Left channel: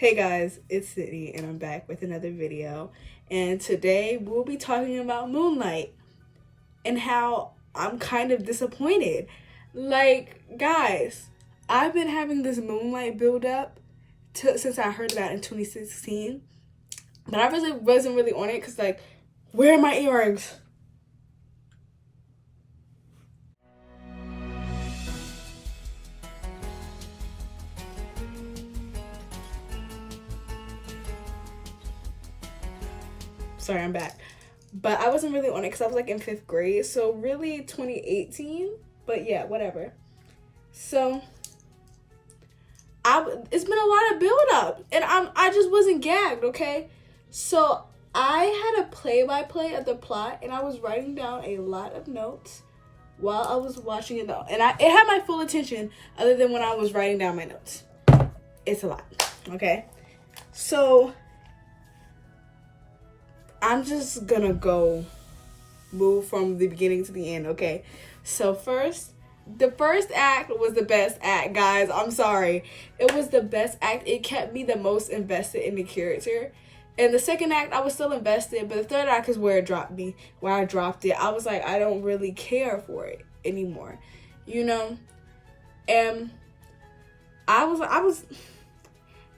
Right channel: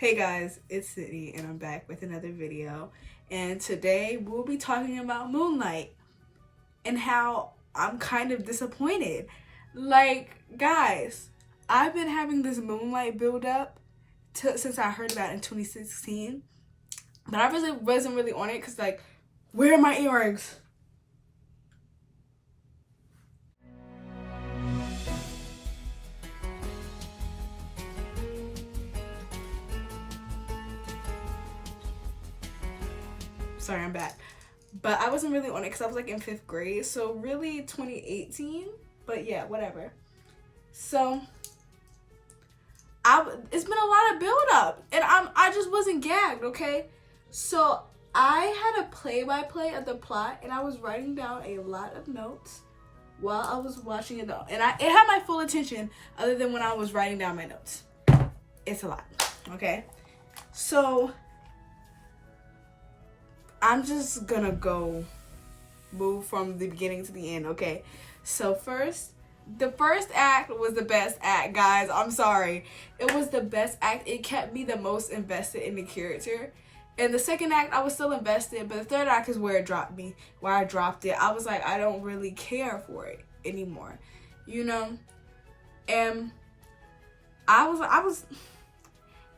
Hey guys, it's Sydney and I'm back with another video, and today we'll be talking about Moonlight and how I'm kind of disappointed. Like, guys, I've been having this Moonlight build up since I heard about it in 2016, but I wasn't really on it because, like, where are my earrings? Sorry, I'm back. But I wasn't really on it because I was like in 5th grade. So really 2018. But yeah, whatever. So it's been a lot of build up. And I just wasn't gagged, okay? So I had a play-by-play of the plot. And I was writing down a lot of notes while I was watching it though. And it had my full attention other than when I was writing down my notes. It's a lot, okay? So I'm just gonna move from the beginning to the end, okay? So the first act was the best act, guys. I'm sorry. It was the best act. It kept me the most invested in the character. And the second act, I was still invested, but the third act is where it dropped me, where I dropped it. I was like, I don't really care for it anymore, you know? And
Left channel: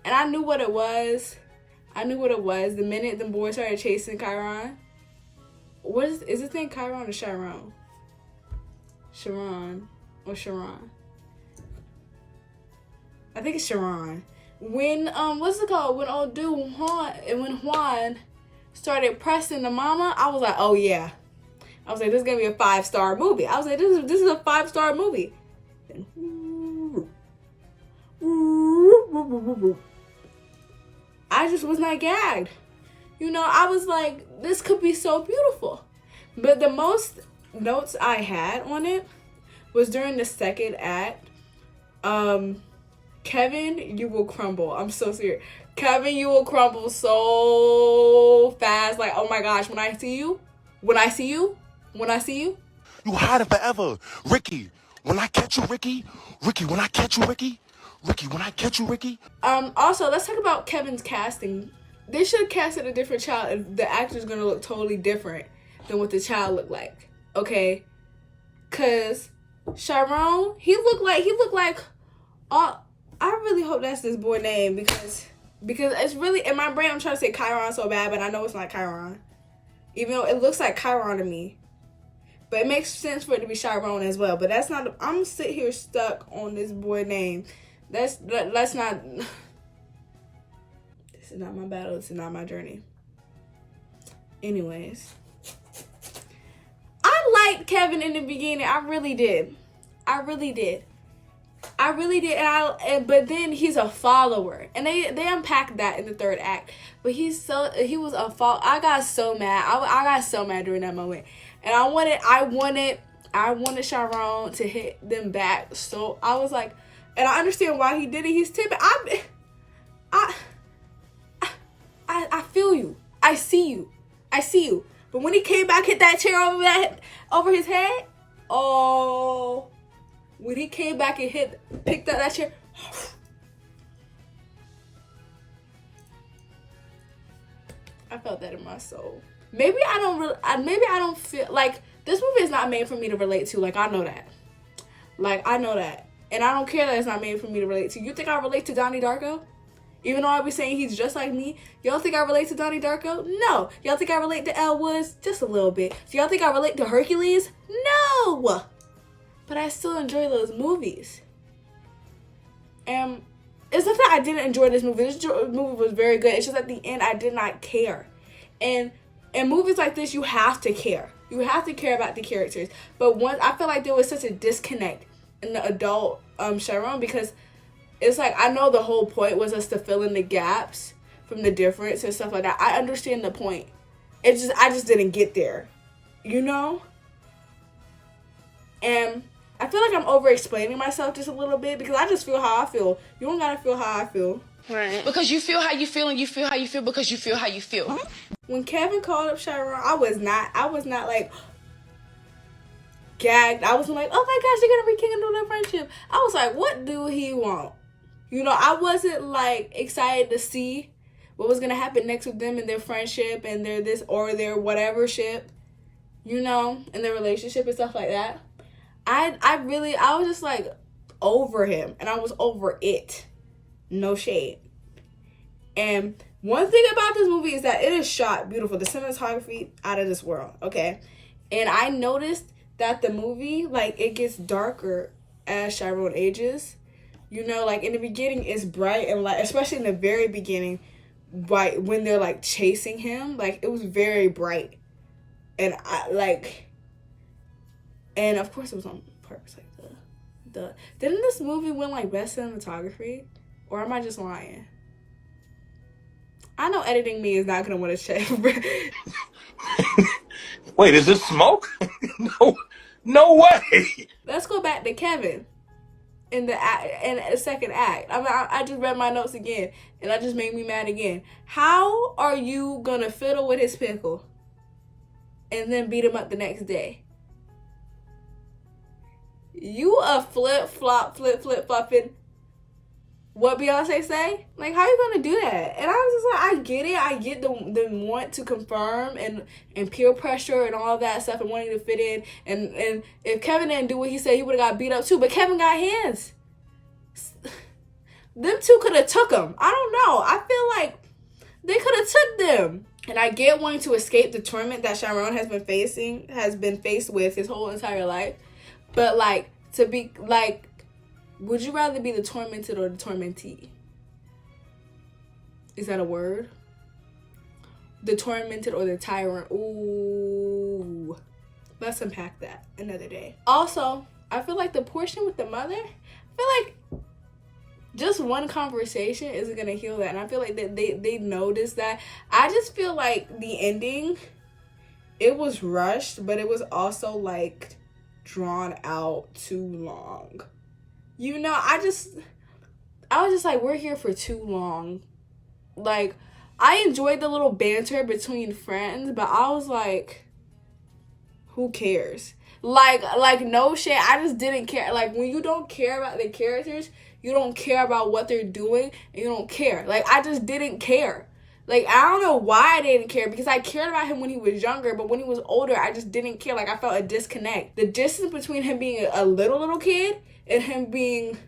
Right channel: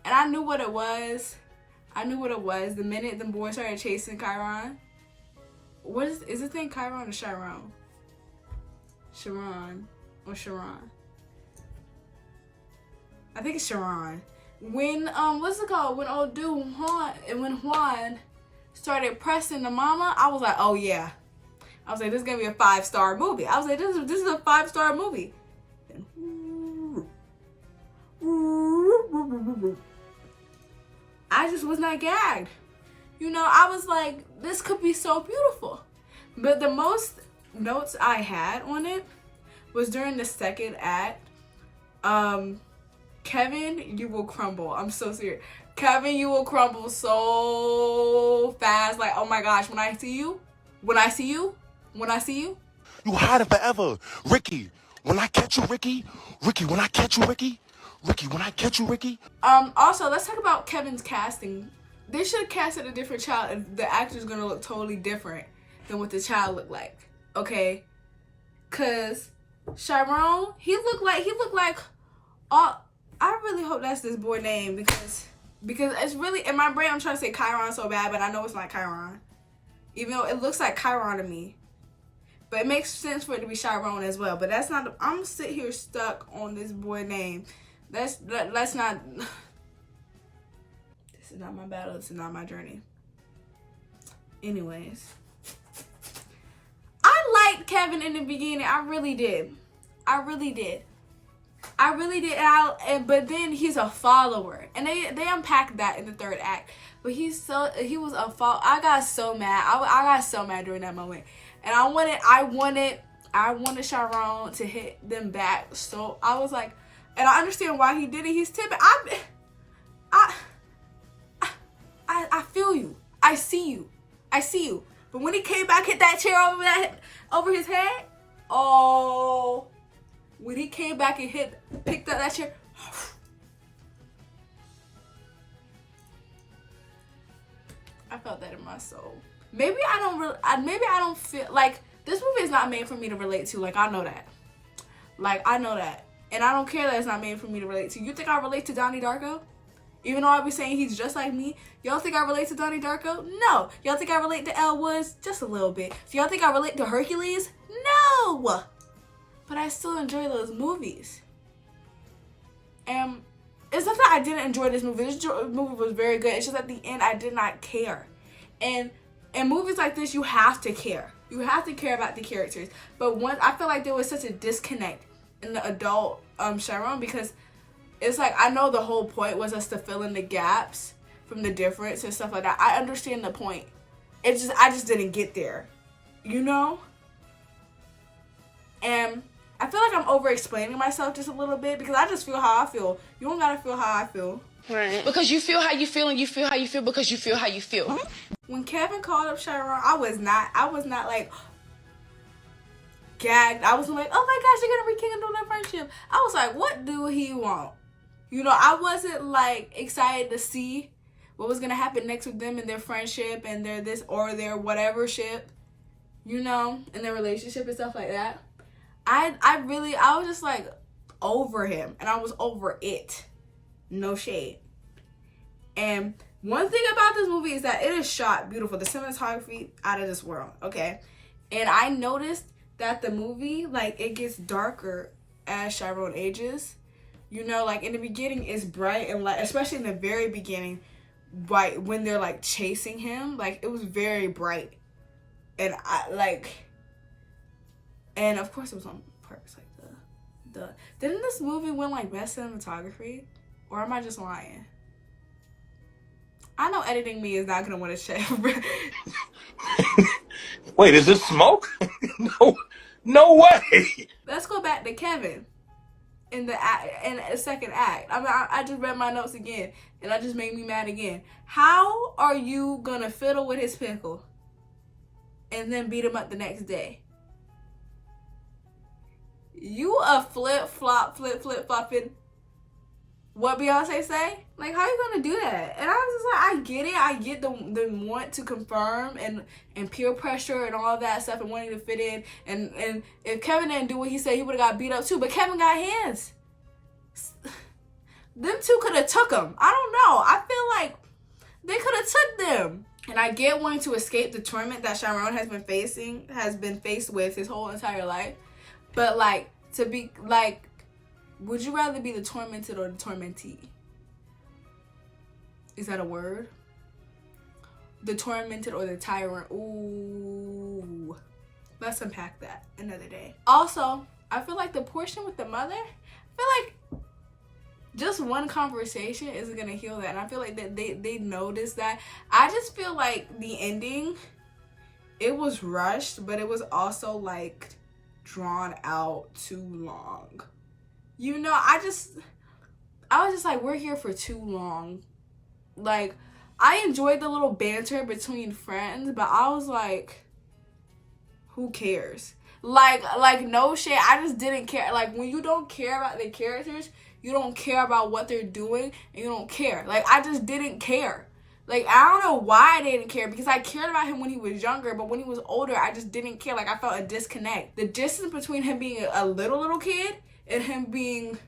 and I knew what it was. The minute the boys started chasing Chiron. Is his name Chiron or Chiron? Chiron or Chiron? I think it's Chiron. When what's it called? When old dude when Juan started pressing the mama, I was like, oh yeah. I was like, this is gonna be a 5-star movie. I was like, this is a 5-star movie. I just was not gagged. You know, I was like, this could be so beautiful. But the most notes I had on it was during the second act. Kevin, you will crumble. I'm so serious. Kevin, you will crumble so fast. Like, oh my gosh, when I see you. You hiding forever. Ricky, when I catch you, Ricky. Ricky, when I catch you, Ricky. Ricky, when I catch you, Ricky. Also, let's talk about Kevin's casting. They should have casted a different child if the actor's gonna look totally different than what the child looked like. Okay? Cause Chiron, he looked like I really hope that's this boy name because it's really in my brain I'm trying to say Chiron so bad, but I know it's not Chiron. Even though it looks like Chiron to me. But it makes sense for it to be Chiron as well. But that's not I'm sitting here stuck on this boy name. Let's not. This is not my battle. This is not my journey. Anyways, I liked Kevin in the beginning. I really did. But then he's a follower, and they unpacked that in the third act. But he was a follower. I got so mad. I got so mad during that moment, and I wanted Chiron to hit them back. So I was like. And I understand why he did it. He's timid. I feel you. I see you. But when he came back, hit that chair over his head. Oh, when he came back and picked up that chair. I felt that in my soul. Maybe I don't feel like this movie is not made for me to relate to. Like I know that. And I don't care that it's not made for me to relate to. You think I relate to Donnie Darko? Even though I be saying he's just like me. Y'all think I relate to Donnie Darko? No. Y'all think I relate to Elle Woods? Just a little bit. So y'all think I relate to Hercules? No. But I still enjoy those movies. And it's not that I didn't enjoy this movie. This movie was very good. It's just at the end I did not care. And in movies like this, you have to care. You have to care about the characters. But once I feel like there was such a disconnect in the adult Chiron, because it's like I know the whole point was us to fill in the gaps from the difference and stuff like that. I understand the point. I just didn't get there, you know? And I feel like I'm over explaining myself just a little bit because I just feel how I feel. You don't gotta feel how I feel. Right. Because you feel how you feel and you feel how you feel because you feel how you feel. Huh? When Kevin called up Chiron, I was not like gagged. I was like, oh my gosh, they're gonna rekindle their friendship. I was like, what do he want? You know, I wasn't like excited to see what was gonna happen next with them and their friendship and their this or their whatever ship, you know, and their relationship and stuff like that. I was just like over him, and I was over it. No shade. And one thing about this movie is that it is shot beautiful. The cinematography out of this world, okay? And I noticed that the movie, like, it gets darker as Chiron ages. You know, like, in the beginning, it's bright and light, especially in the very beginning, right when they're, like, chasing him. Like, it was very bright. And, and of course, it was on purpose. Like, didn't this movie win, like, best cinematography? Or am I just lying? I know editing me is not going to win a check. Wait, is this smoke? No way. Let's go back to Kevin in the second act. I mean, I just read my notes again, and that just made me mad again. How are you going to fiddle with his pickle and then beat him up the next day? You a flip-flopping. What Beyonce say? Like, how are you gonna do that? And I was just like, I get it. I get the want to confirm and peer pressure and all that stuff and wanting to fit in. And if Kevin didn't do what he said, he would have got beat up too. But Kevin got hands. Them two could have took him. I don't know. I feel like they could have took them. And I get wanting to escape the torment that Chiron has been faced with his whole entire life. But like, to be like, would you rather be the tormented or the tormentee? Is that a word? The tormented or the tyrant? Ooh. Let's unpack that another day. Also, I feel like the portion with the mother, I feel like just one conversation isn't going to heal that. And I feel like they noticed that. I just feel like the ending, it was rushed, but it was also like drawn out too long. You know, I was just like, we're here for too long. Like, I enjoyed the little banter between friends, but I was like, who cares? Like no shit, I just didn't care. Like, when you don't care about the characters, you don't care about what they're doing, and you don't care. Like, I just didn't care. Like, I don't know why I didn't care, because I cared about him when he was younger, but when he was older, I just didn't care. Like, I felt a disconnect. The distance between him being a little kid and him being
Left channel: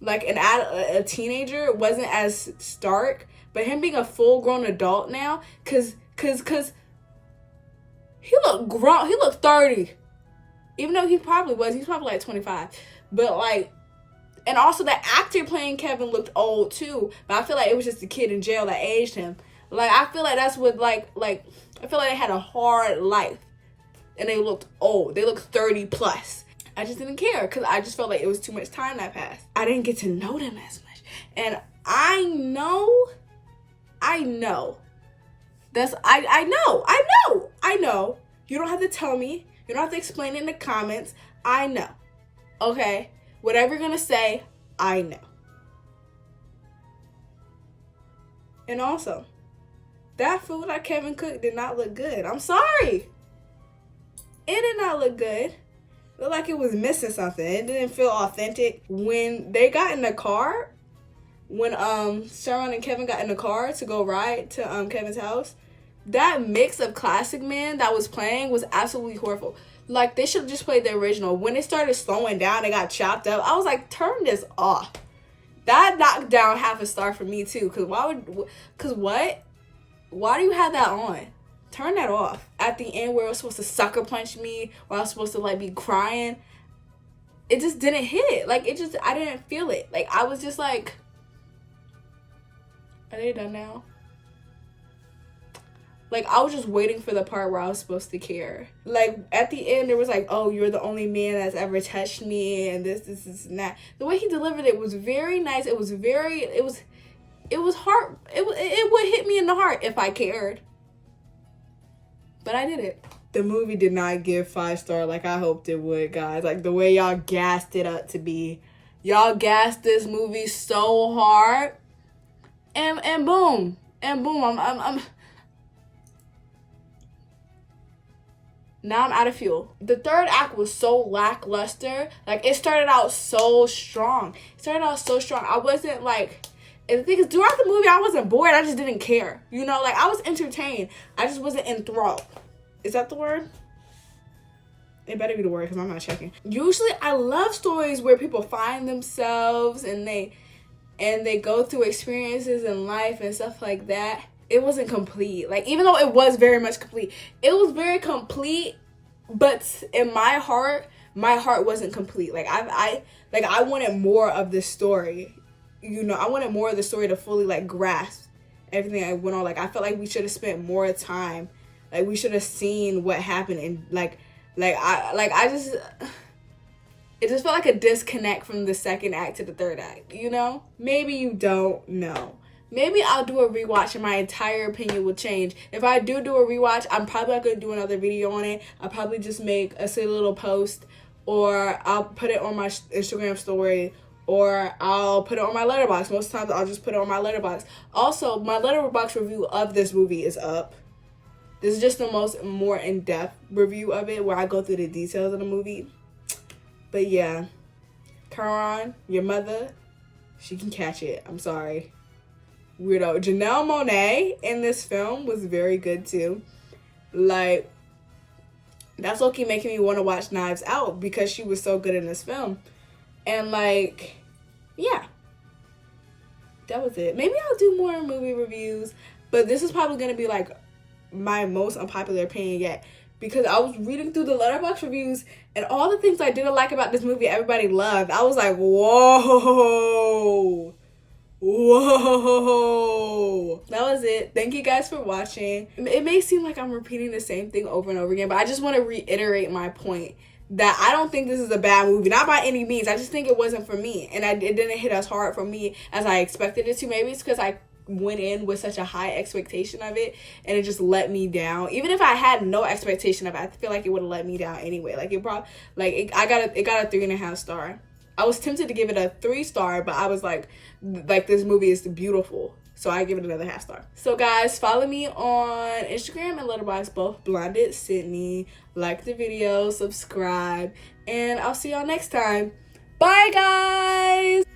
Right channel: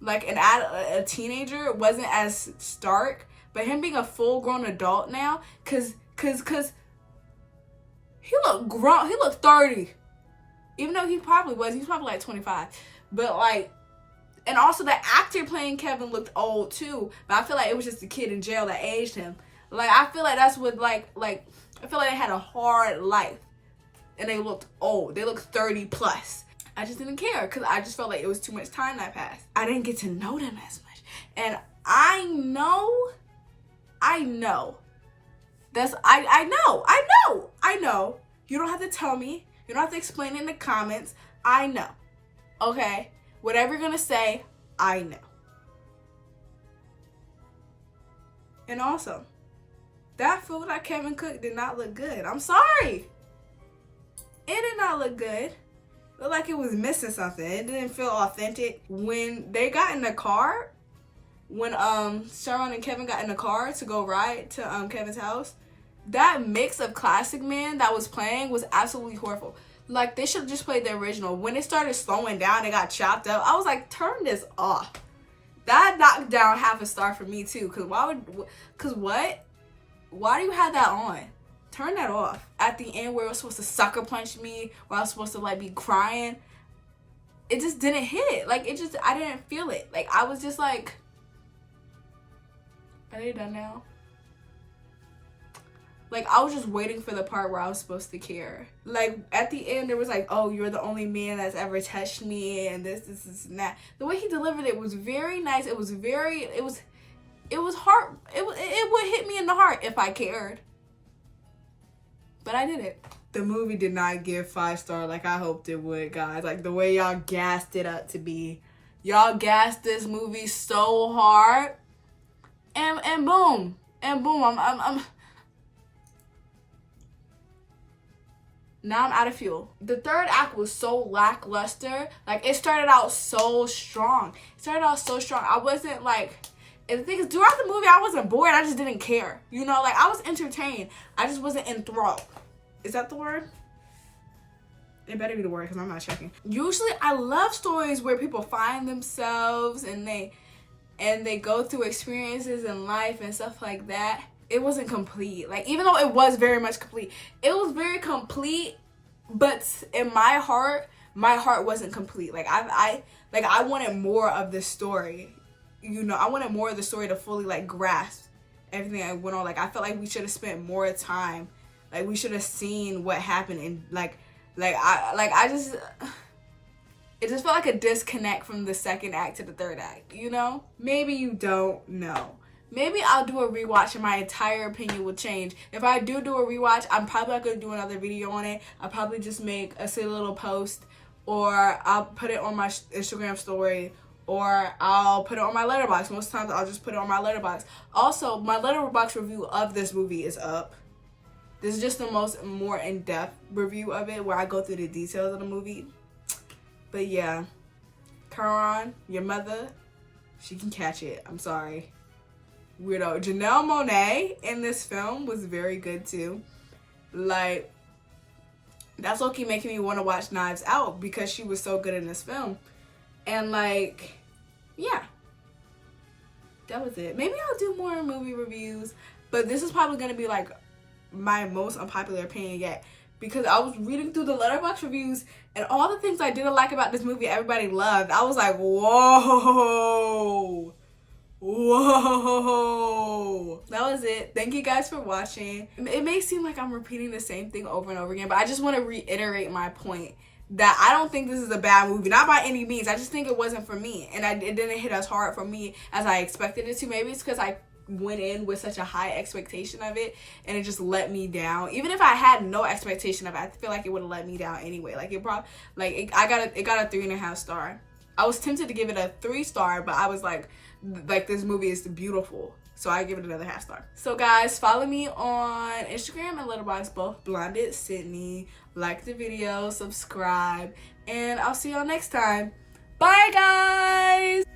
like a teenager wasn't as stark, but him being a full-grown adult now, cause he looked grown, he looked 30, even though he's probably like 25, but like, and also the actor playing Kevin looked old too, but I feel like it was just the kid in jail that aged him. Like, I feel like that's what like I feel like they had a hard life and they looked old. They looked 30 plus. I just didn't care because I just felt like it was too much time that passed. I didn't get to know them as much. And I know. That's, I know. You don't have to tell me. You don't have to explain it in the comments. I know. Okay? Whatever you're going to say, I know. And also, that food that Kevin cooked did not look good. I'm sorry. It did not look good. Looked like it was missing something. It didn't feel authentic. When they got in the car, when Sharon and Kevin got in the car to go ride to Kevin's house, that mix of Classic Man that was playing was absolutely horrible. Like, they should have just played the original. When it started slowing down, it got chopped up. I was like, turn this off. That knocked down half a star for me too. Why do you have that on? Turn that off. At the end where it was supposed to sucker punch me, where I was supposed to like be crying, it just didn't hit. Like, I didn't feel it. Like, I was just like, are they done now? Like, I was just waiting for the part where I was supposed to care. Like, at the end, it was like, oh, you're the only man that's ever touched me, and this, and that. The way he delivered it was very nice. It was hard. It would hit me in the heart if I cared. But I didn't. The movie did not give 5-star like I hoped it would, guys. Like, the way y'all gassed it up to be. Y'all gassed this movie so hard. And boom. And boom. Now I'm out of fuel. The third act was so lackluster. Like, it started out so strong. I wasn't like, and the thing is, throughout the movie, I wasn't bored. I just didn't care. You know, like, I was entertained. I just wasn't enthralled. Is that the word? It better be the word because I'm not checking. Usually, I love stories where people find themselves and they go through experiences in life and stuff like that. It wasn't complete. Like, even though it was very much complete, it was very complete, but in my heart wasn't complete. Like, I wanted more of this story. You know, I wanted more of the story to fully, like, grasp everything that went on. Like, I felt like we should have spent more time. Like, we should have seen what happened, and it just felt like a disconnect from the second act to the third act, you know? Maybe you don't know. Maybe I'll do a rewatch and my entire opinion will change. If I do a rewatch, I'm probably not going to do another video on it. I'll probably just make a silly little post, or I'll put it on my Instagram story, or I'll put it on my letterboxd. Most times I'll just put it on my letterboxd. Also, my letterboxd review of this movie is up. This is just the more in-depth review of it, where I go through the details of the movie. But yeah, Karan, your mother, she can catch it. I'm sorry. Weirdo. Janelle Monáe in this film was very good too. Like, that's low-key making me want to watch Knives Out because she was so good in this film. And like, yeah, that was it. Maybe I'll do more movie reviews, but this is probably going to be like my most unpopular opinion yet, because I was reading through the letterboxd reviews and all the things I didn't like about this movie everybody loved. I was like, whoa, that was it. Thank you guys for watching. It may seem like I'm repeating the same thing over and over again, but I just want to reiterate my point that I don't think this is a bad movie, not by any means. I just think it wasn't for me, and it didn't hit as hard for me as I expected it to. Maybe it's because I went in with such a high expectation of it, and it just let me down. Even if I had no expectation of it, I feel like it would have let me down anyway. Like, it got a 3.5 star. I was tempted to give it a 3 star, but I was like this movie is beautiful, so I give it another 0.5 star. So guys, follow me on Instagram and Letterboxd, both blondedsydney. Like the video, subscribe, and I'll see y'all next time. Bye guys.